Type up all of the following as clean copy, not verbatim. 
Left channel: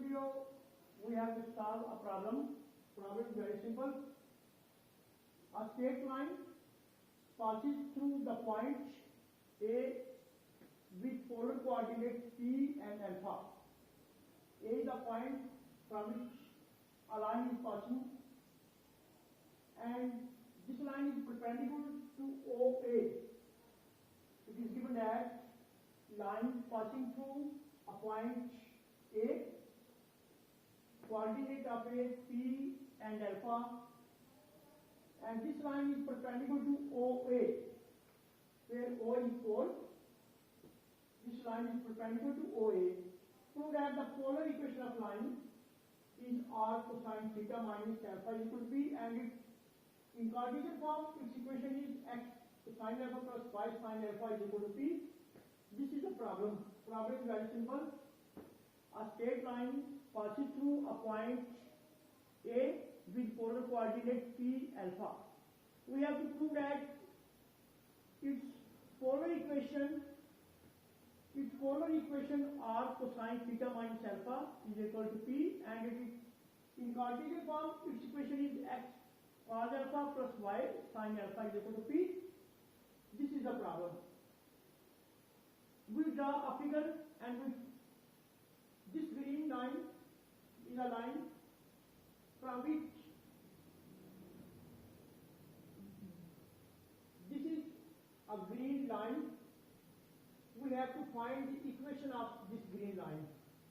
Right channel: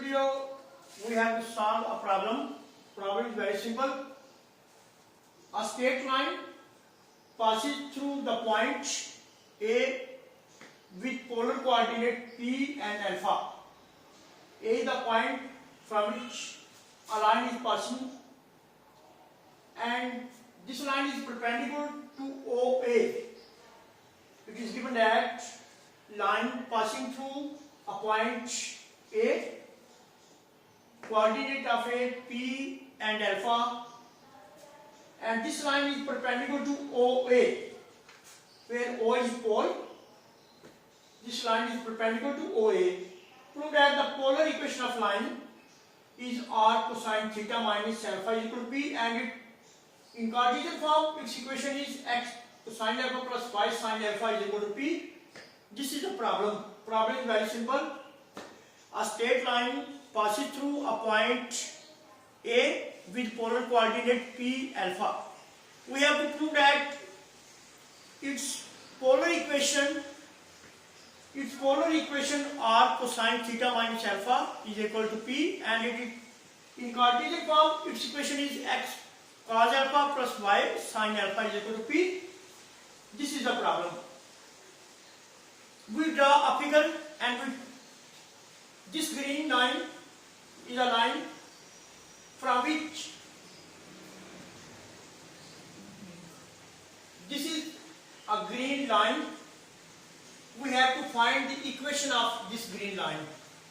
video we have to solve a problem. Problem is very simple. A straight line passes through the point A with polar coordinate P and alpha. A is the point from which a line is passing, and this line is perpendicular to OA. It is given that line passing through a point A, coordinate of A P and alpha, and this line is perpendicular to OA, where O is pole. This line is perpendicular to OA. Prove that the polar equation of line is r cosine theta minus alpha is equal to P, and it, in Cartesian form its equation is x cosine alpha plus y sine alpha is equal to P. This is the problem. Problem is very simple. A straight line passes through a point A with polar coordinate P alpha. We have to prove that its polar equation r cosine theta minus alpha is equal to P, and it is, in Cartesian form its equation is x cos alpha plus y sine alpha is equal to P. This is the problem. We draw a figure, and this green line is a line from which this is a green line. We have to find the equation of this green line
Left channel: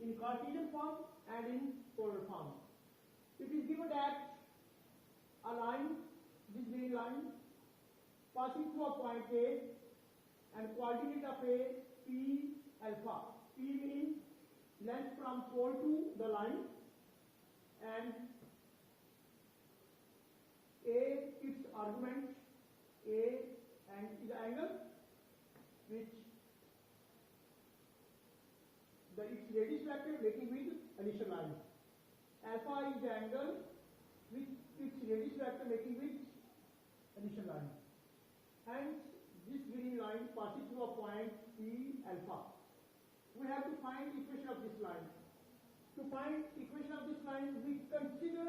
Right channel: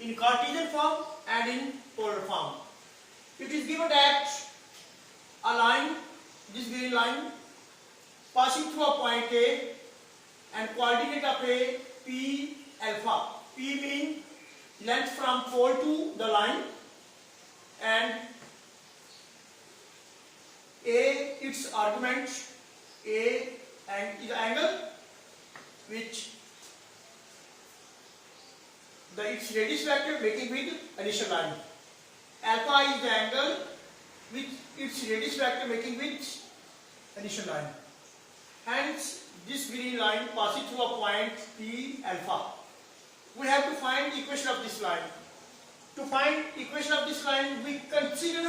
in Cartesian form and in polar form. It is given that a line, this green line, passing through a point A and coordinate of A P alpha. P means length from pole to the line, and A its argument, A and is angle which its radius vector making with initial line. Alpha is the angle with its radius vector making with initial line. Hence, this green line passes through a point P alpha. We have to find the equation of this line. To find equation of this line, we consider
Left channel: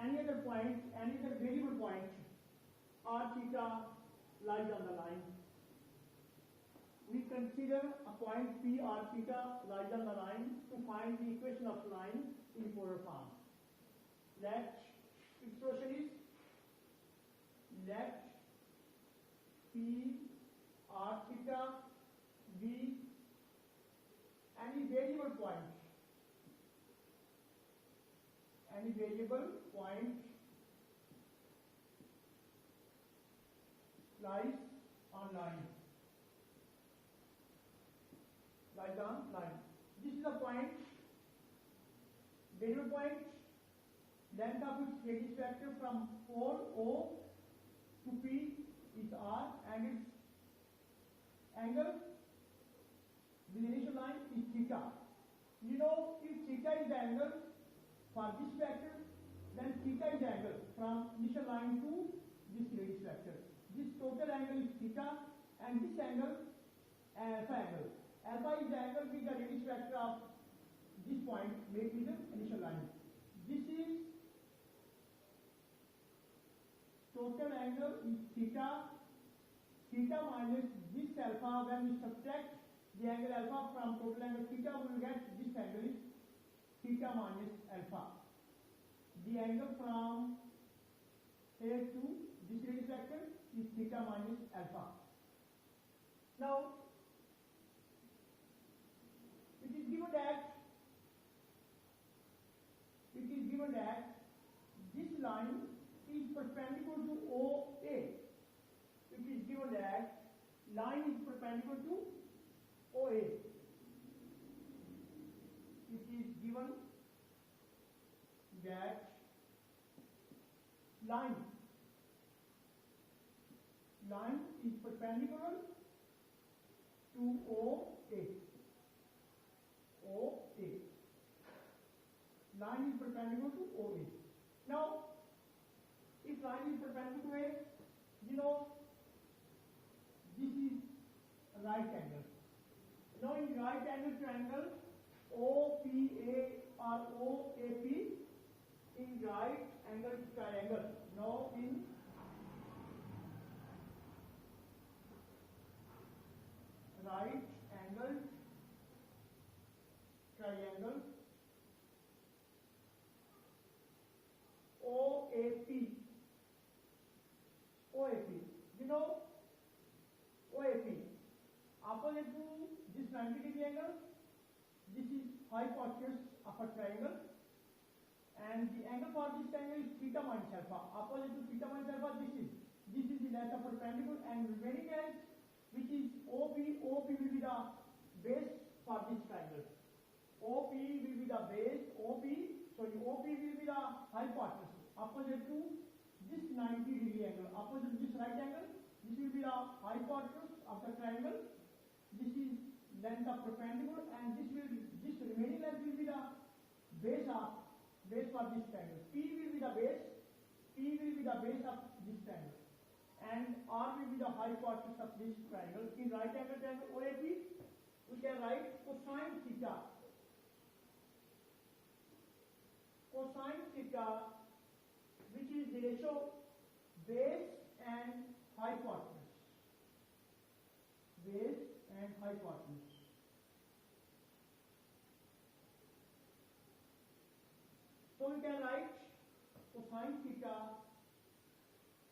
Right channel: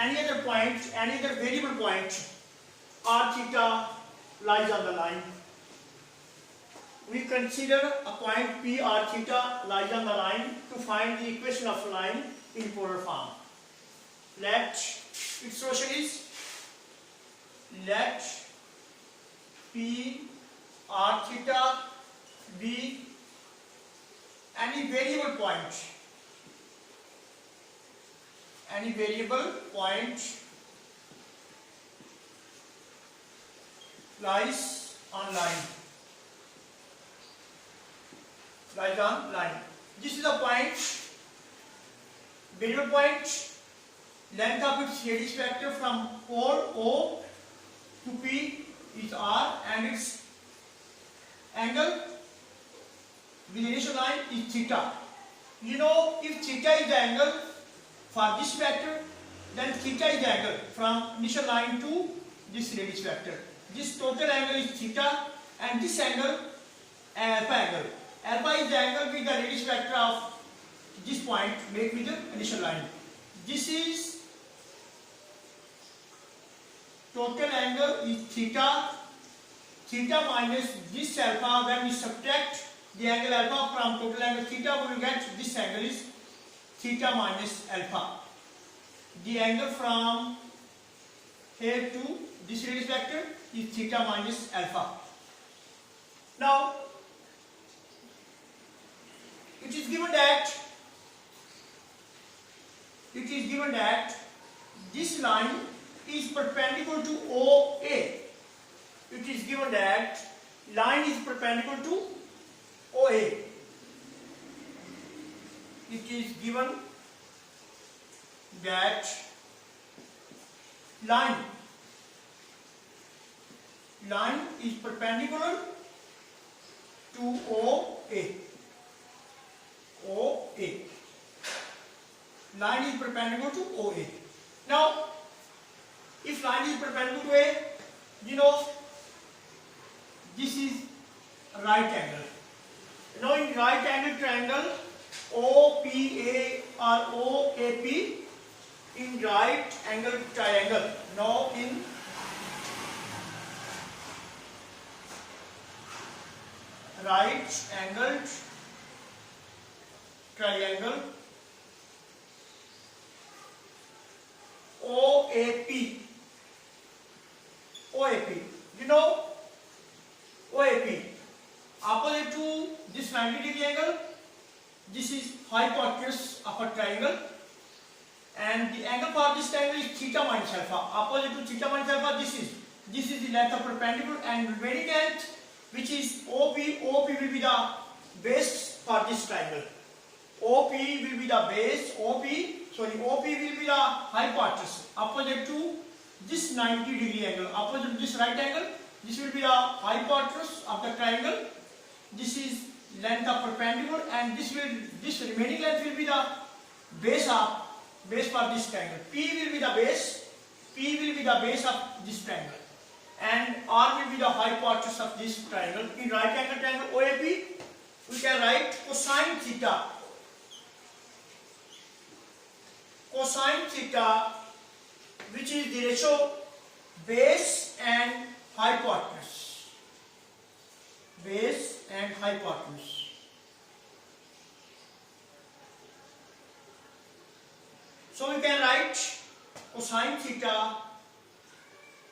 any other point, any other variable point. R theta lies on the line. We consider a point P r theta lies on the line to find the equation of line in polar form. Let its solution is, let P r theta be any variable point. Any variable point lies on line. Lies on line. This is the point, variable point, length of its radius vector from pole O to P is R, and its angle with initial line is theta. You know, if theta is the angle for this vector, then theta is the angle from initial line to this radius vector. This total angle is theta, and this angle alpha angle. Alpha is the angle with the radius vector of this point made with the initial line. This is total angle is theta. Theta minus this alpha. When we subtract the angle alpha from total angle theta, we will get this angle is theta minus alpha. The angle from here to this radius vector is theta minus alpha. Now, it is given that this line is perpendicular to OA. It is given that line is perpendicular to OA. It is given that line is perpendicular to OA. Line is perpendicular to OA. Now, if line is perpendicular to A, you know, this is right angle. Now, in right angle triangle, OPA or OAP in right angle triangle. Now in right angled triangle OAP. OAP. You know OAP. Opposite to this 90-degree angle, this is hypotenuse of a triangle, and the angle for this triangle is theta minus alpha. Opposite to theta minus alpha, this is the length of perpendicular, and remaining length, which is OP. OP will be the base for this triangle. OP will be the base. OP will be the hypotenuse. Opposite to this 90-degree angle, opposite to this right angle, this will be the hypotenuse of the triangle. This is length of perpendicular, and this remaining length will be the base for this triangle. P will be the base. P will be the base of this triangle, and R will be the hypotenuse of this triangle. In right angle triangle OAP, we can write cosine theta. Cosine theta, which is the ratio base and hypotenuse. Base and hypotenuse. So we can write cosine theta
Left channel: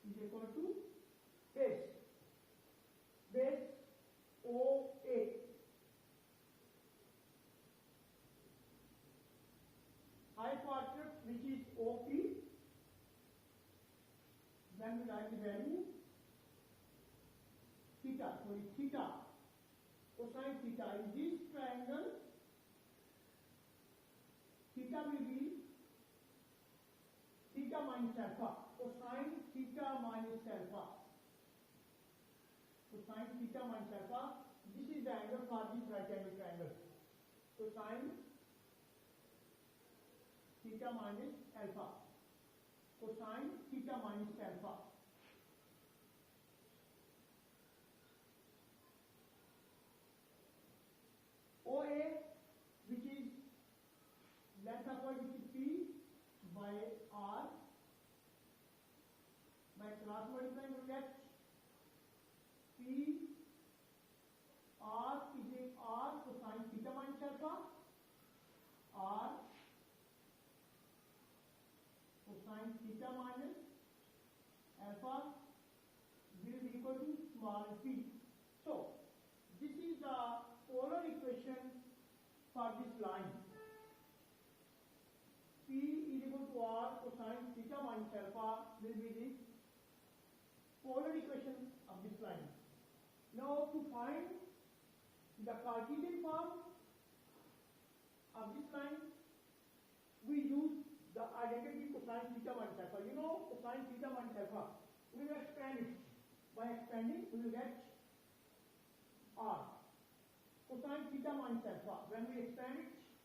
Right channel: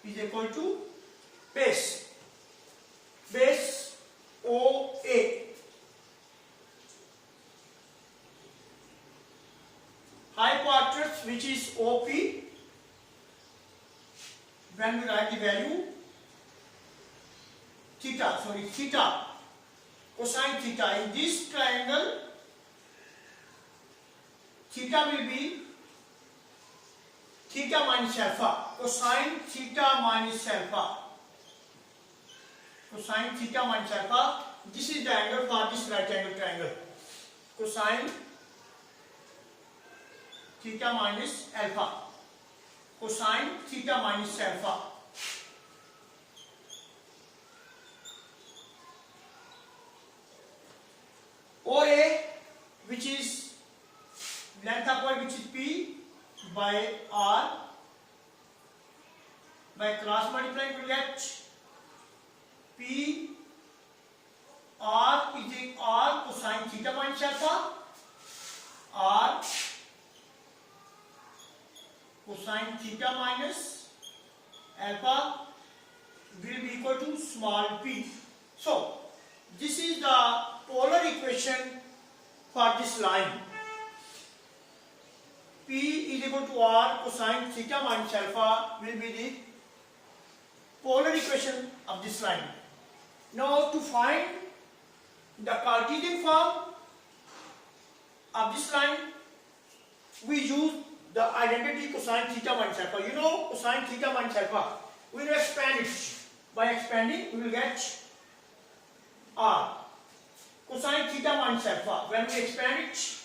is equal to base OA, hypotenuse, which is OP. When we write the value theta, cosine theta in this triangle, theta will be theta minus alpha. Cosine theta minus alpha. Cosine theta minus alpha. This is the angle for this right angle triangle. Cosine theta minus alpha. Cosine theta minus alpha. OA, which is length of point, which is P by R, by cross multiplying we get P R is equal R cosine theta minus alpha. R cosine theta minus alpha will be equal to small p. So this is the polar equation for this line. P is equal to R cosine theta minus alpha will be the polar equation of this line. Now to find the Cartesian form of this line, we use the identity cosine theta minus alpha. You know cosine theta minus alpha. We will expand it. By expanding, we will get R. Cosine theta minus alpha. When we expand it,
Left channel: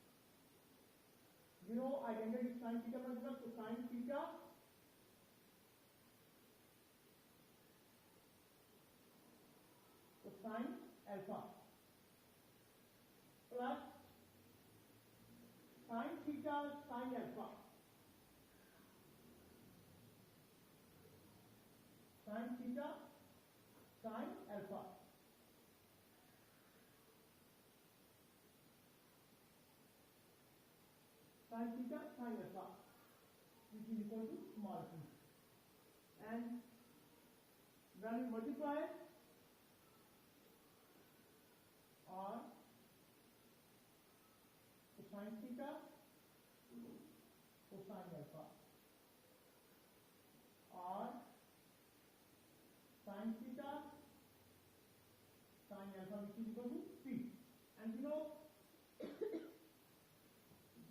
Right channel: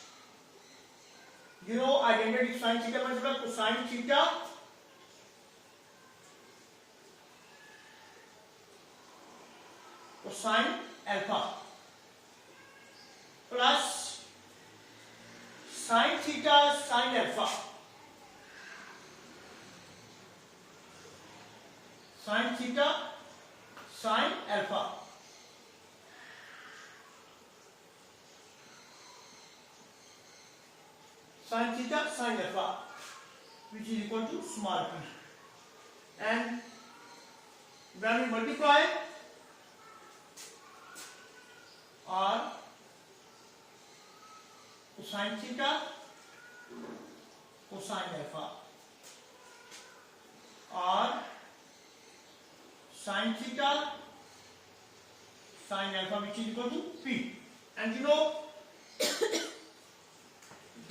you know identity cosine theta minus alpha. Cosine theta cosine alpha plus sine theta sine alpha. Sine theta sine alpha. Sine theta sine alpha, which is equal to small p. And when we multiply R cosine theta cosine alpha, R sine theta sine alpha, which is equal to p. And you know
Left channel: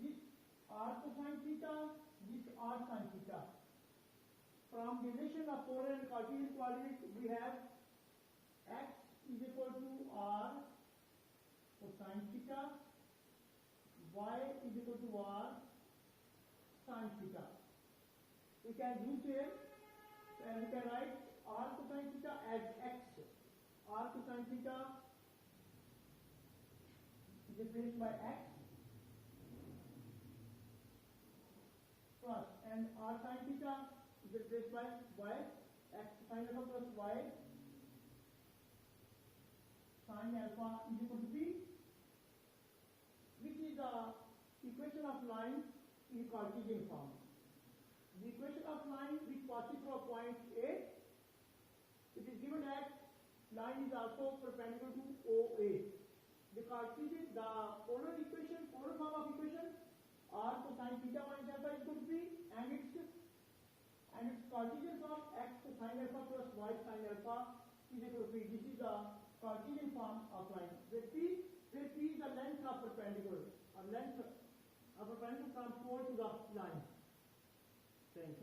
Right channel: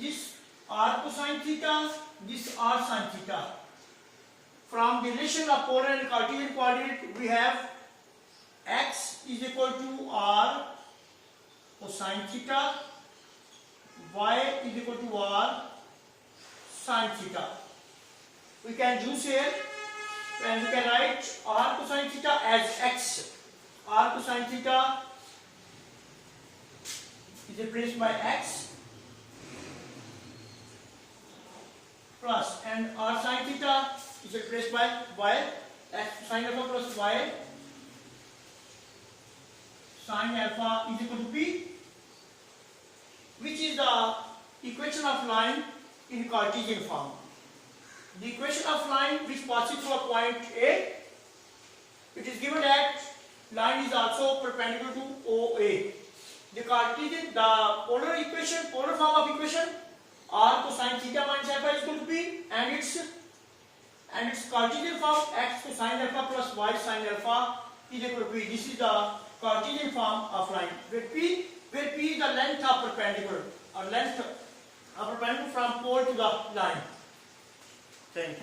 this R cosine theta, this R sine theta. From the relation of polar and Cartesian coordinate, we have x is equal to R cosine theta, y is equal to R sine theta. We can use here, and we can write R cosine theta as x. R cosine theta is replaced by x, and r sin theta is replaced by y, x sin alpha plus y sin alpha is equal to p, which is the equation of line in Cartesian form. The equation of line which passes through a point A, it is given that line is also perpendicular to OA. The polar equation, polar form of equation, r cosine theta minus alpha is equal to p, and its Cartesian form x cosine alpha plus y sin alpha is equal to p. This is the Cartesian form of line, where p is the length of perpendicular, or length of perpendicular from pole to the line. Thank you.